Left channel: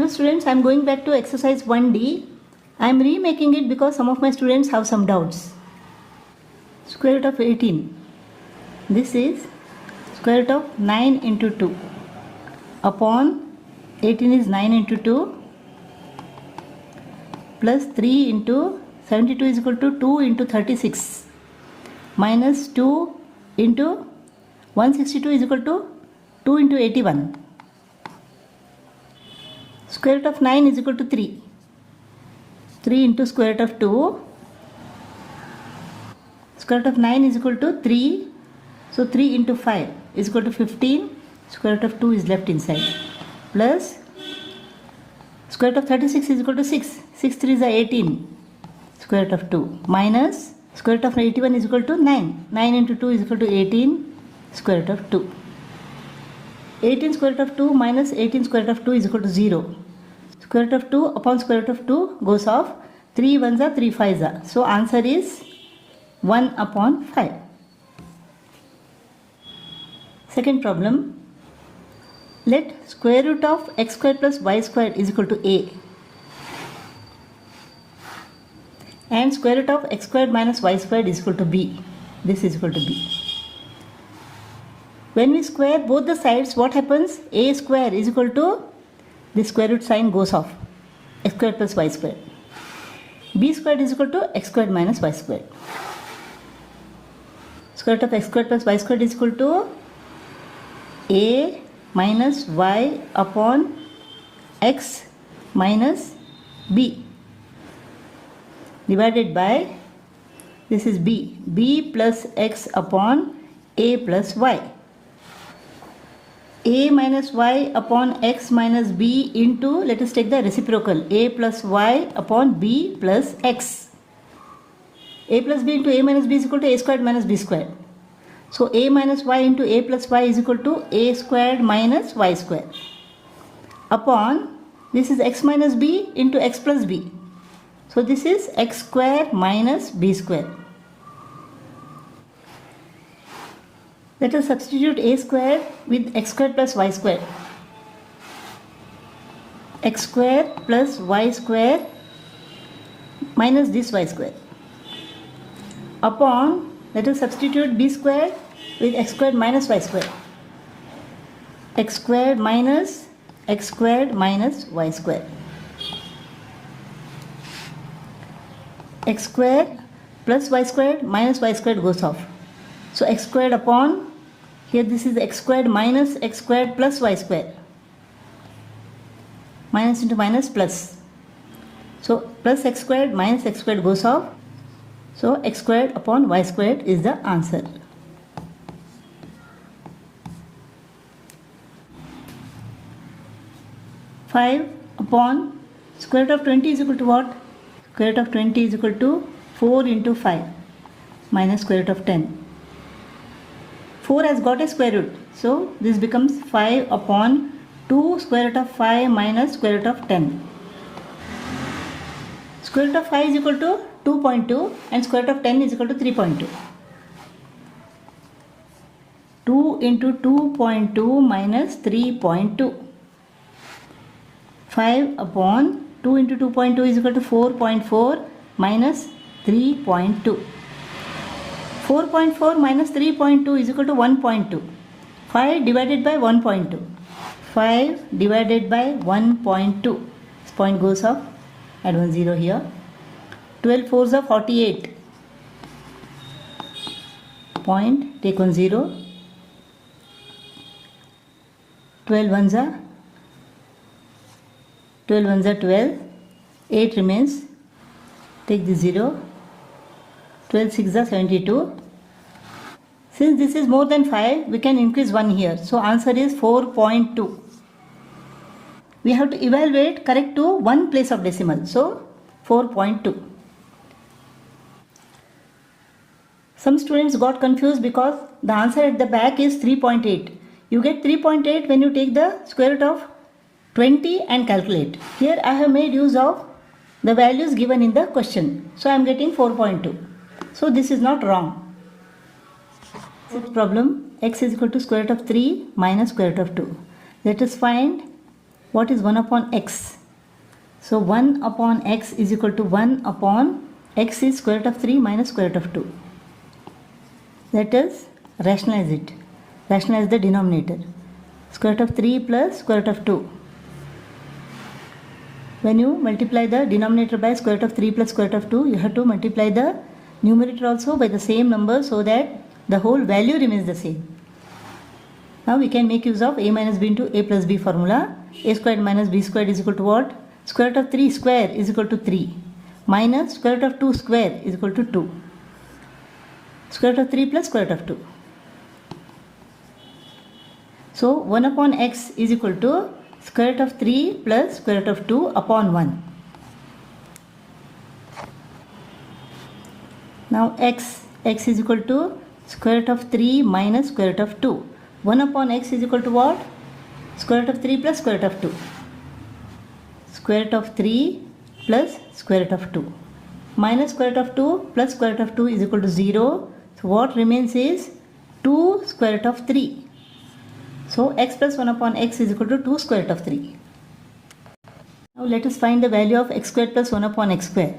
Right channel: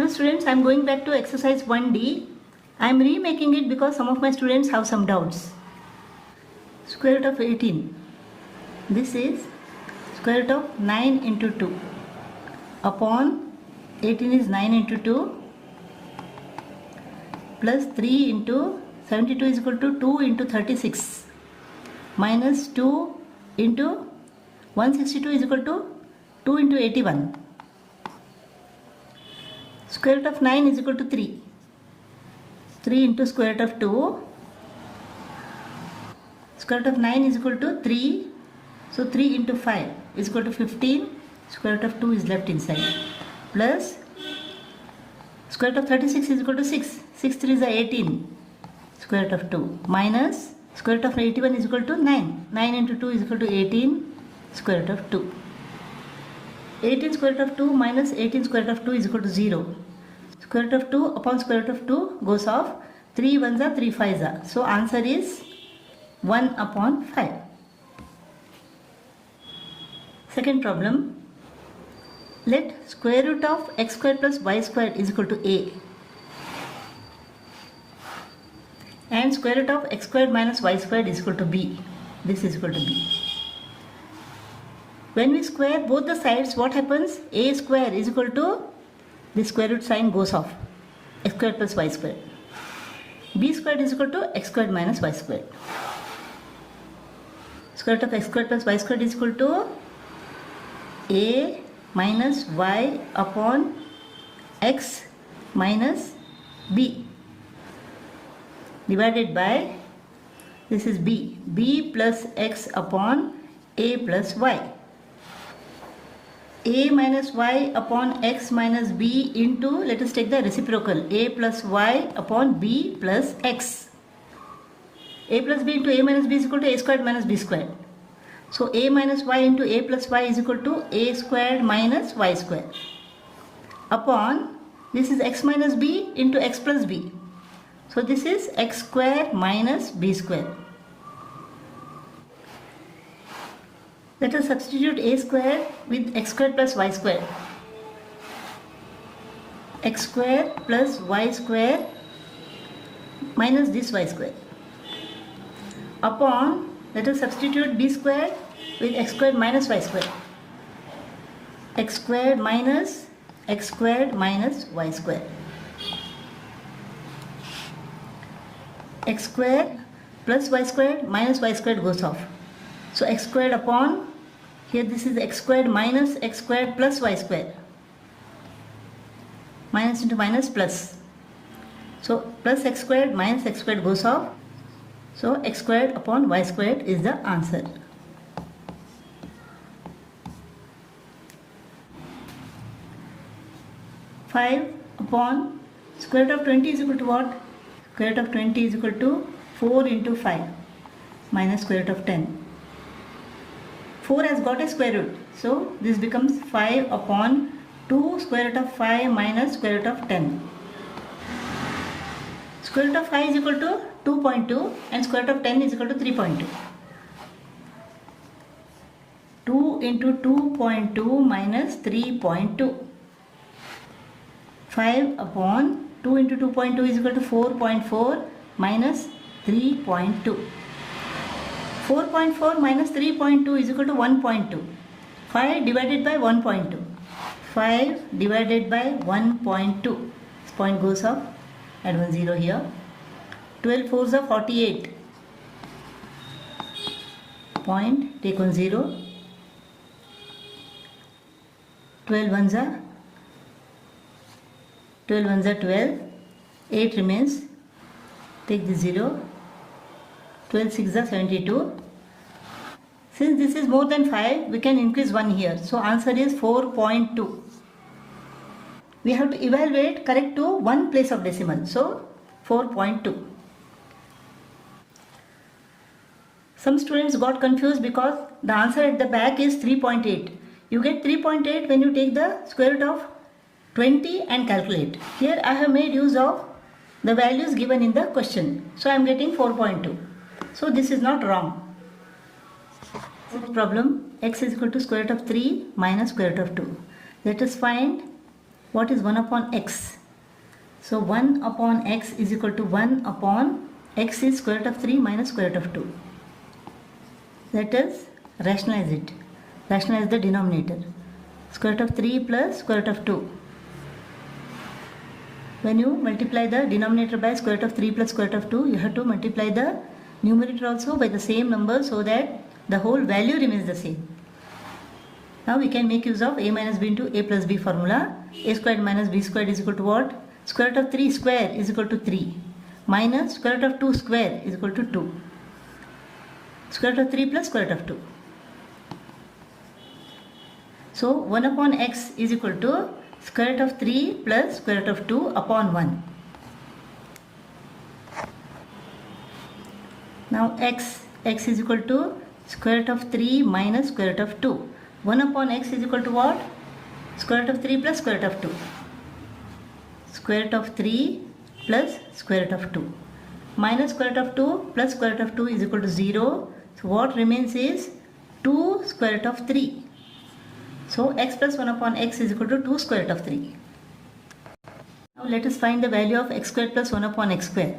Hello students, I am going back to exercise 1D. I am remaking it because some of my students have some doubts. Square root of 18. This is square root of 9 into 2 upon 18 is 9 into 2 plus 3 into 72 is equal to 2 into 36 minus 2 into 162 is equal to 2 into 81. Square root of 9 is equal to 3. 3 into square root of 2. Square root of 9 is equal to 3. So 3 into 5 is equal to 15. Square root of 2 is left inside. Plus square root of 36 is equal to 6. 6 3 is 18. Square root of 2. Minus square root of 81 is equal to 9. 9 into 2 is equal to 18. Square root of 2. 18 square root of 2 minus 18 square root of 2 is equal to 0. Square root of 2 upon square root of 2 goes off. 3 ones are 3 5s are. So answer is 1 upon 5. Second problem. Let square root of x squared plus y squared is equal to a. And square root of x squared minus y squared is equal to b. This is equal to b. When we square both the sides, what happens? A square is equal to, the square root sign goes off. X squared plus y squared. B squared is equal to x squared minus y squared. Square root of x squared plus y squared is equal to a minus y upon x minus b divided by, this is b. b plus x upon a plus y. A minus y upon x minus b into, let us take the reciprocal, a plus y upon b plus x. A plus b into a minus b is equal to a squared minus b squared. So a minus y into a plus y is equal to a squared minus y squared. Upon, this is x minus b into x plus b. So this is x squared minus b squared. Let us substitute a squared with x squared plus y squared. X squared plus y squared minus this y squared. Upon, let us substitute b squared with x squared minus y squared. X squared minus y squared. X squared plus y squared minus y squared goes off. So x squared upon, here this is x squared minus x squared plus y squared. Minus into minus plus. So plus x squared minus x squared goes off. So x squared upon y squared is the answer. Five upon square root of 20 is equal to what? Square root of 20 is equal to 4 into 5 minus square root of 10. 4 has got a square root. So this becomes 5 upon 2 square root of 5 minus square root of 10. Square root of 5 is equal to 2.2 and square root of 10 is equal to 3.2. 2 into 2.2 minus 3.2. 5 upon 2 into 2.2 is equal to 4.4 minus 3.2. 4.4 minus 3.2 is equal to 1.2. 5 divided by 1.2. 5 divided by 1.2. This point goes off. Add 1 0 here. 12 4s are 48. Point, take 1 0. 12 1s are 12. 8 remains. Take the 0. 12 6 are 72. Since this is more than 5, we can increase 1 here. So answer is 4.2. We have to evaluate correct to one place of decimal. So 4.2. Some students got confused because the answer at the back is 3.8. You get 3.8 when you take the square root of 20 and calculate. Here I have made use of the values given in the question. So I am getting 4.2. So this is not wrong. Next problem, x is equal to square root of 3 minus square root of 2. Let us find what is 1 upon x? So 1 upon x is equal to 1 upon x is square root of 3 minus square root of 2. Let us rationalize it. Rationalize the denominator. Square root of 3 plus square root of 2. When you multiply the denominator by square root of 3 plus square root of 2, you have to multiply the numerator also by the same number so that the whole value remains the same. Now we can make use of a minus b into a plus b formula. A squared minus b squared is equal to what? Square root of 3 square is equal to 3 minus square root of 2 square is equal to 2. Square root of 3 plus square root of 2. So 1 upon x is equal to square root of 3 plus square root of 2 upon 1. Now x is equal to square root of 3 minus square root of 2. 1 upon x is equal to what? Square root of 3 plus square root of 2. Square root of 3 plus square root of 2. Minus square root of 2 plus square root of 2 is equal to 0. So what remains is 2 square root of 3. So x plus 1 upon x is equal to 2 square root of 3. Now let us find the value of x squared plus 1 upon x square.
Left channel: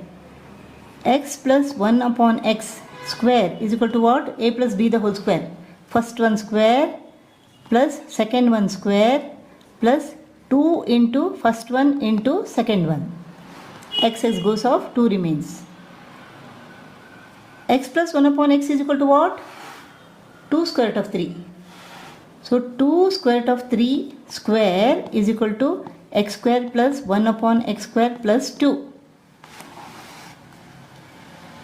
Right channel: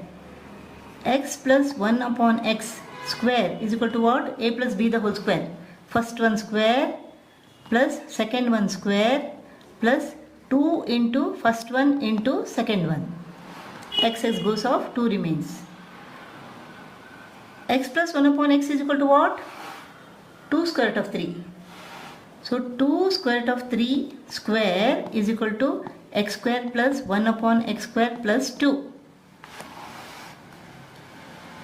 X plus 1 upon x square is equal to what? A plus b the whole square. First one square plus second one square plus 2 into first one into second one. X goes off, 2 remains. X plus 1 upon x is equal to what? 2 square root of 3. So 2 square root of 3 square is equal to x square plus 1 upon x square plus 2.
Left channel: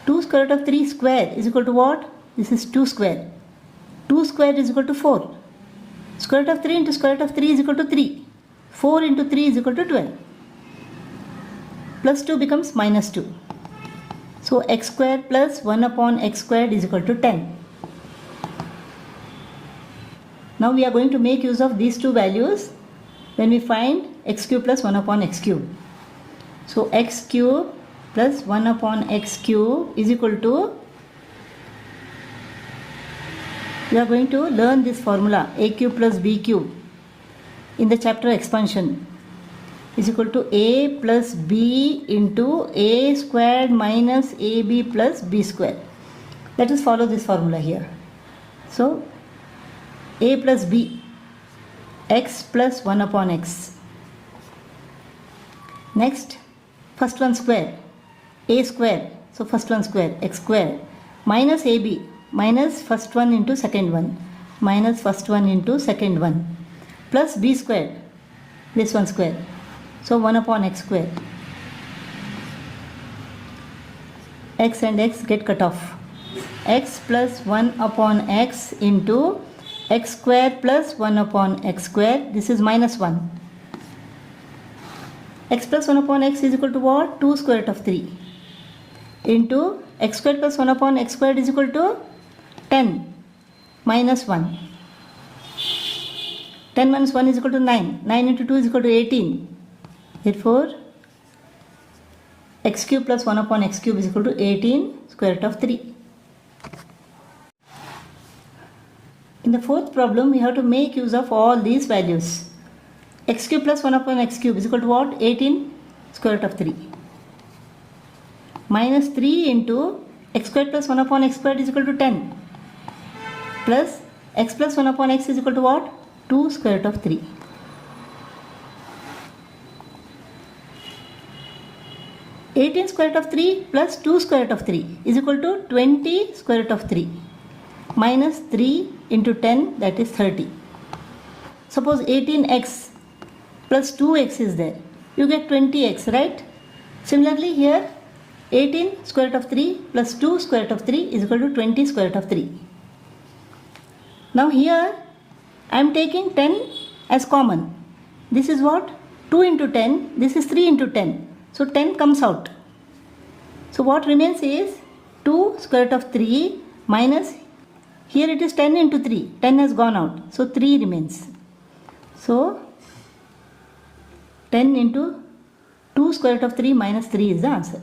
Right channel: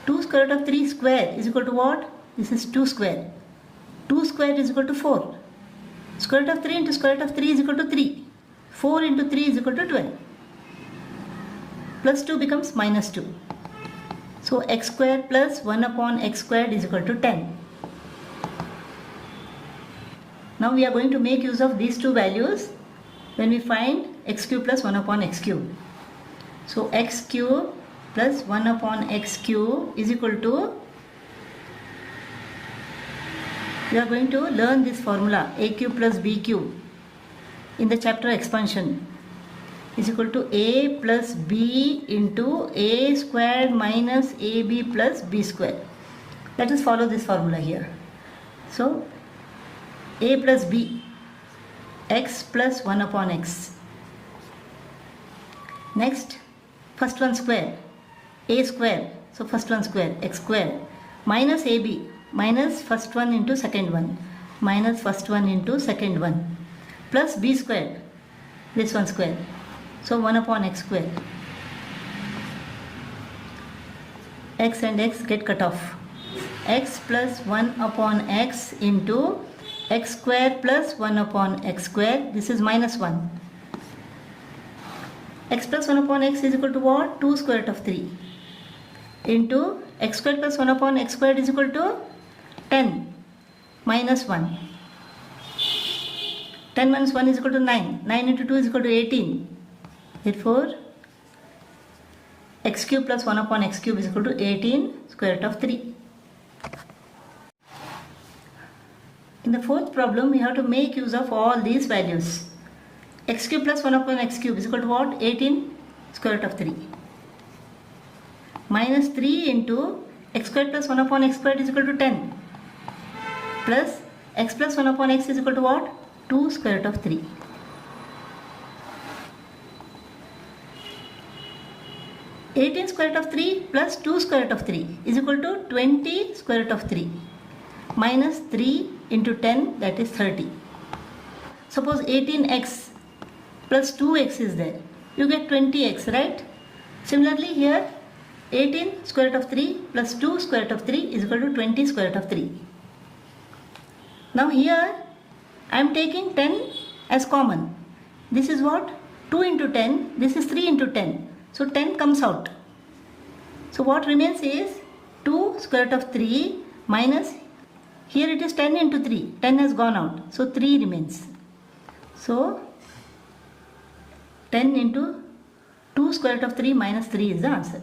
2 square root of 3 square is equal to what? This is 2 square. 2 square is equal to 4. Square root of 3 into square root of 3 is equal to 3. 4 into 3 is equal to 12. Plus 2 becomes minus 2. So x square plus 1 upon x squared is equal to 10. Now we are going to make use of these two values when we find x cube plus 1 upon x cube. So x cube plus 1 upon x cube is equal to, we are going to learn this formula a cube plus b cube in the chapter expansion is equal to a plus b into a squared minus ab plus b squared. Let us follow this formula here. So a plus b, x plus 1 upon x. Next, first one square, a square, so first one square, x square, minus ab, minus first one into second one, minus first one into second one, plus b square, this one square, so 1 upon x square. X and x get cut off. X plus 1 upon x into x square plus 1 upon x square, this is minus 1. X plus 1 upon x is equal to what? 2 square root of 3 into x square plus 1 upon x squared is equal to 10 minus 1. 10 minus 1 is equal to 9. 9 into 2 is equal to 18. Therefore, x cube plus 1 upon x cube is equal to 18 square root of 3. In the fourth problem, we have to make use of all these values. X cube plus 1 upon x cube is equal to what? 18 square root of 3. Minus 3 into x squared plus 1 upon x squared is equal to 10. Plus x plus 1 upon x is equal to what? 2 square root of 3. (18 square root of 3 plus 2 square root of 3 is equal to 20 square root of 3 minus 3 into 10, that is 30. Suppose 18x plus 2x is there. You get 20x, right? Similarly here 18 square root of 3 plus 2 square root of 3 is equal to 20 square root of 3. Now here I am taking 10 as common. This is what? 2 into 10. This is 3 into 10. So 10 comes out. So what remains is 2 square root of 3 minus, here it is 10 into 3. 10 has gone out. So 3 remains. So 10 into 2 square root of 3 minus 3 is the answer.